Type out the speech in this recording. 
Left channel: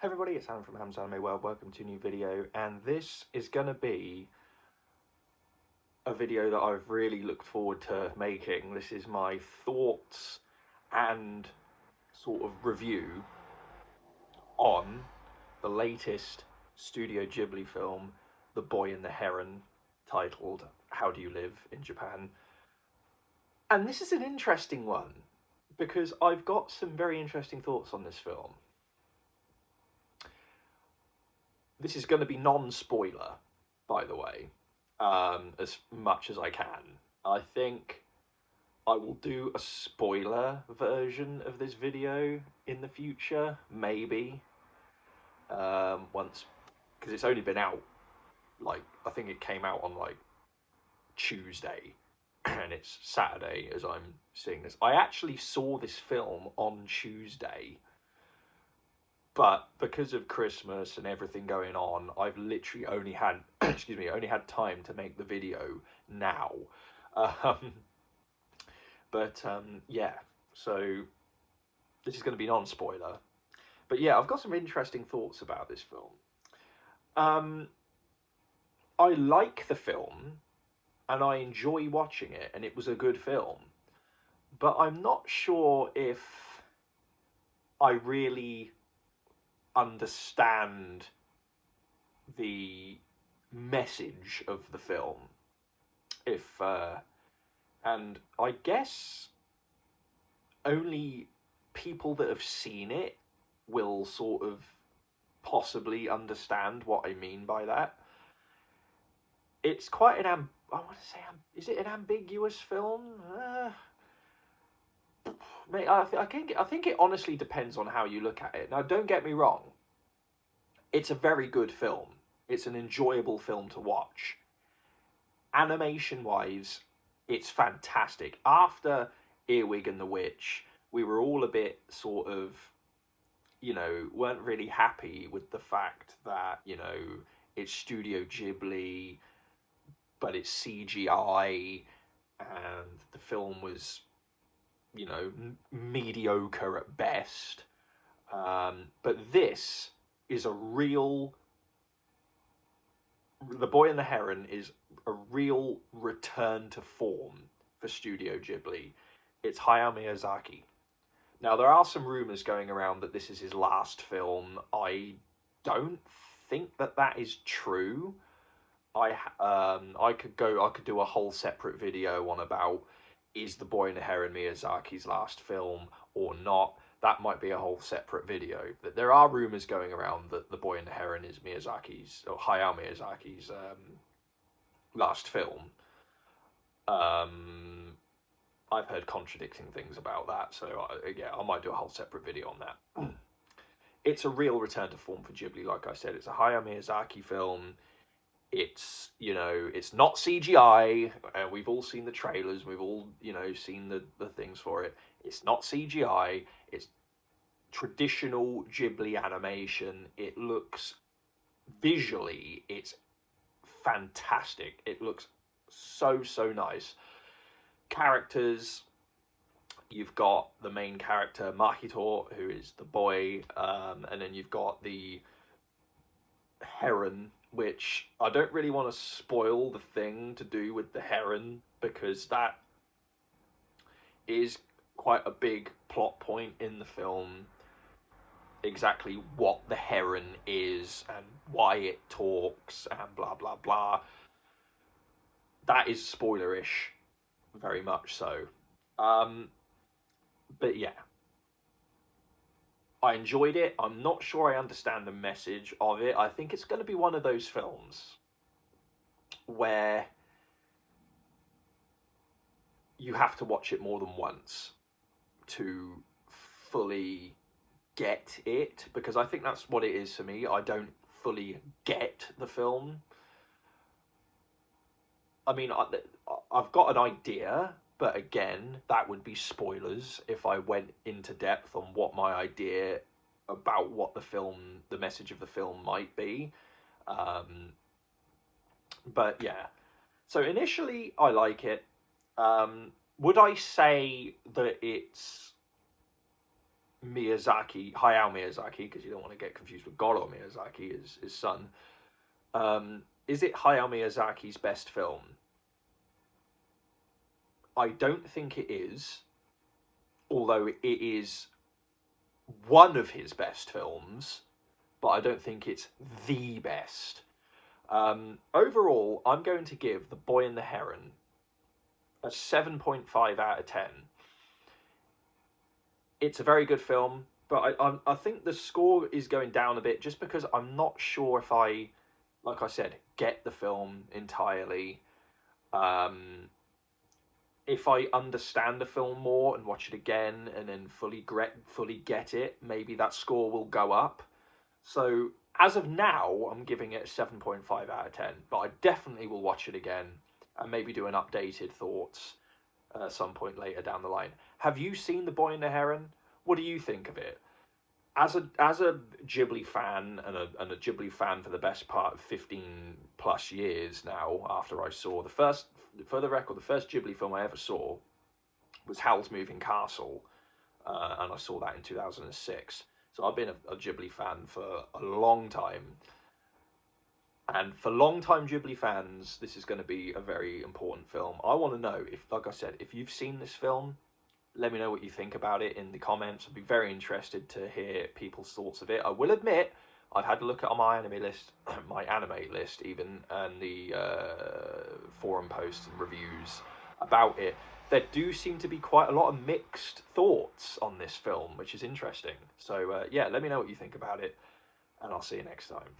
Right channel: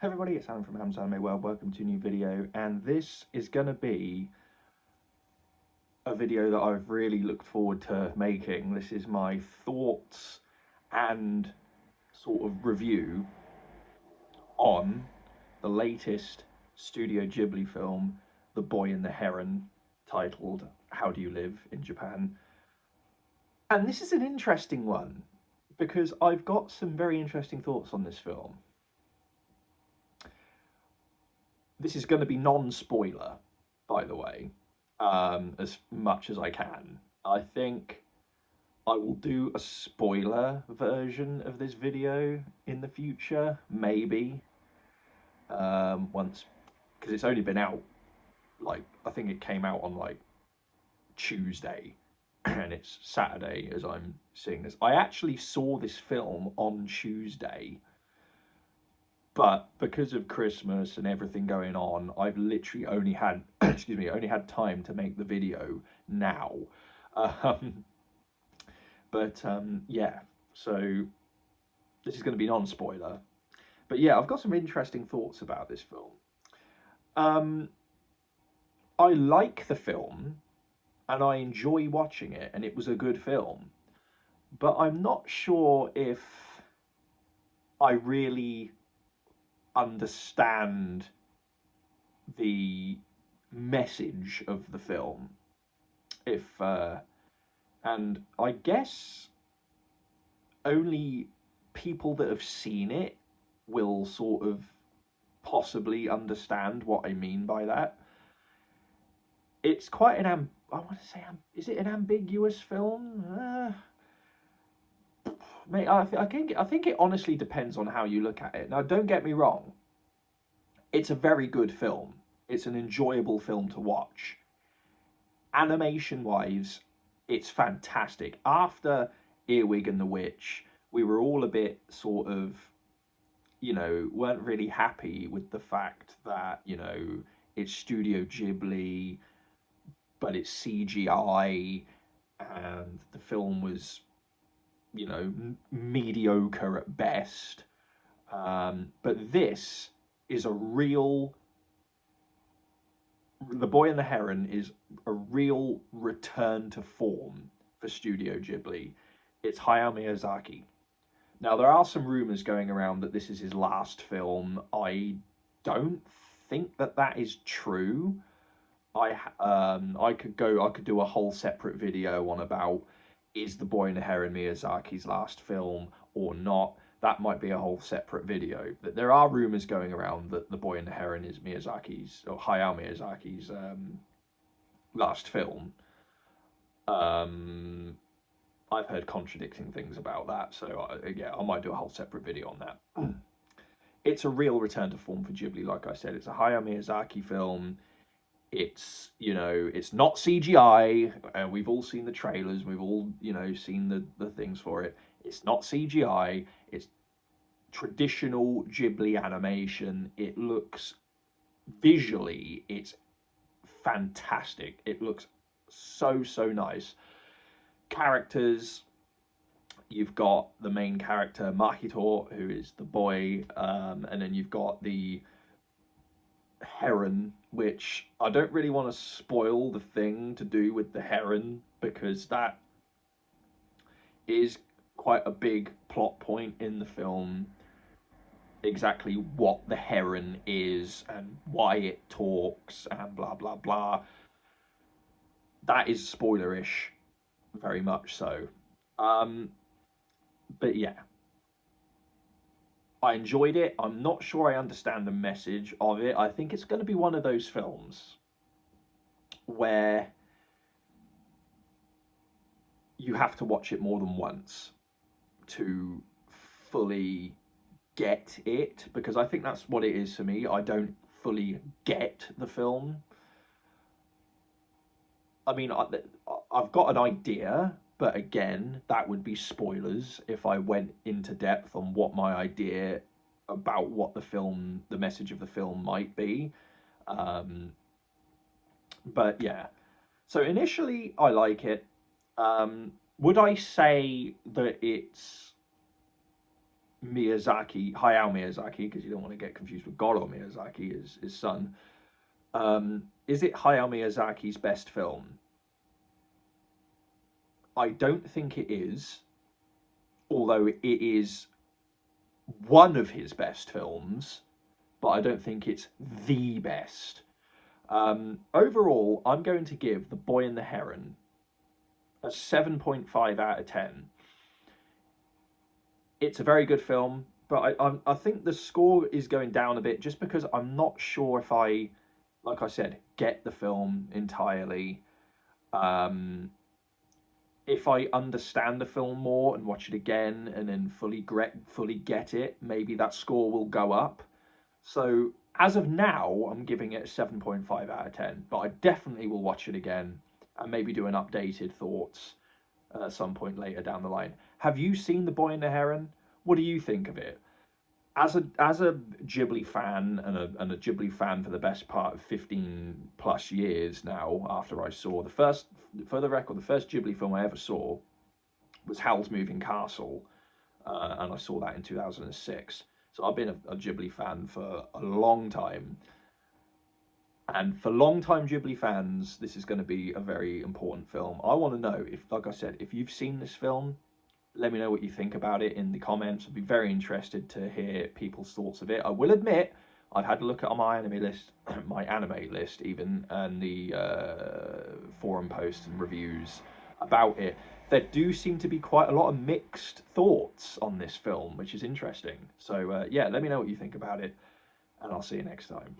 Hey everybody, it's Alan from Ham's Anime World. Welcome to a new video, and this is going to be a video that I've really looked forward to making. This is my thoughts and sort of review on the latest Studio Ghibli film, The Boy and the Heron, titled How Do You Live in Japan? And this is an interesting one because I've got some very interesting thoughts on this film. This is going to be non-spoiler, by the way, as much as I can. I think I will do a spoiler version of this video in the future, maybe, once, because it's only been out, like, I think it came out on, like, Tuesday, and it's Saturday as I'm seeing this. I actually saw this film on Tuesday, but because of Christmas and everything going on, I've literally only had, excuse me, only had time to make the video now. Yeah, so this is going to be non-spoiler. But yeah, I've got some interesting thoughts about this film. I like the film, and I enjoy watching it, and it was a good film. But I'm not sure if I really understand the message of the film. And I guess only people that have seen it will sort of possibly understand what I mean by that. It's quite I want to say, is it an ambiguous film? I think it honestly depends on how you look at it. Now, don't get me wrong. It's a very good film. It's an enjoyable film to watch. Animation-wise, it's fantastic. After Earwig and the Witch, we were all a bit sort of, weren't really happy with the fact that, it's Studio Ghibli, but it's CGI, and the film was, mediocre at best. But this is a real... The Boy and the Heron is a real return to form for Studio Ghibli. It's Hayao Miyazaki. Now, there are some rumours going around that this is his last film. I don't think that is true. I could do a whole separate video on about, is The Boy and the Heron Miyazaki's last film or not. That might be a whole separate video. But there are rumours going around that The Boy and the Heron is Miyazaki's, or Hayao Miyazaki's, last film. I've heard contradicting things about that, so yeah, I might do a whole separate video on that. It's a real return to form for Ghibli, like I said. It's a Hayao Miyazaki film. It's, it's not CGI, and we've all seen the trailers, we've all, seen the things for it. It's not CGI, it's traditional Ghibli animation. It looks, visually, it's fantastic. It looks so nice. Characters, you've got the main character Mahito, who is the boy, and then you've got the Heron, which I don't really want to spoil the thing to do with the Heron, because that is quite a big plot point in the film. Exactly what the Heron is and why it talks and blah blah blah. That is spoilerish, very much so. But yeah, I enjoyed it. I'm not sure I understand the message of it. I think it's going to be one of those films where you have to watch it more than once to fully get it, because I think that's what it is for me. I don't fully get the film. I mean, I've got an idea, but again, that would be spoilers if I went into depth on what my idea about what the message of the film might be. But yeah, so initially I like it. Would I say that it's Hayao Miyazaki, because you don't want to get confused with Goro Miyazaki, his son. Is it Hayao Miyazaki's best film? I don't think it is, although it is one of his best films, but I don't think it's the best. Overall, I'm going to give The Boy and the Heron a 7.5 out of 10. It's a very good film, but I think the score is going down a bit just because I'm not sure if I, like I said, get the film entirely. If I understand the film more and watch it again and then fully get it, maybe that score will go up. So as of now, I'm giving it a 7.5 out of 10, but I definitely will watch it again and maybe do an updated thoughts at some point later down the line. Have you seen The Boy and the Heron? What do you think of it? As a Ghibli fan and a Ghibli fan for the best part of 15 plus years now, after I saw the first, for the record, the first Ghibli film I ever saw was Howl's Moving Castle, and I saw that in 2006. So I've been a Ghibli fan for a long time. And for long-time Ghibli fans, this is going to be a very important film. I want to know, if, like I said, if you've seen this film, let me know what you think about it in the comments. I'd be very interested to hear people's thoughts of it. I will admit, I've had a look at my anime list, my anime list even, and the forum posts and reviews about it. There do seem to be quite a lot of mixed thoughts on this film, which is interesting. So yeah, let me know what you think about it, and I'll see you next time.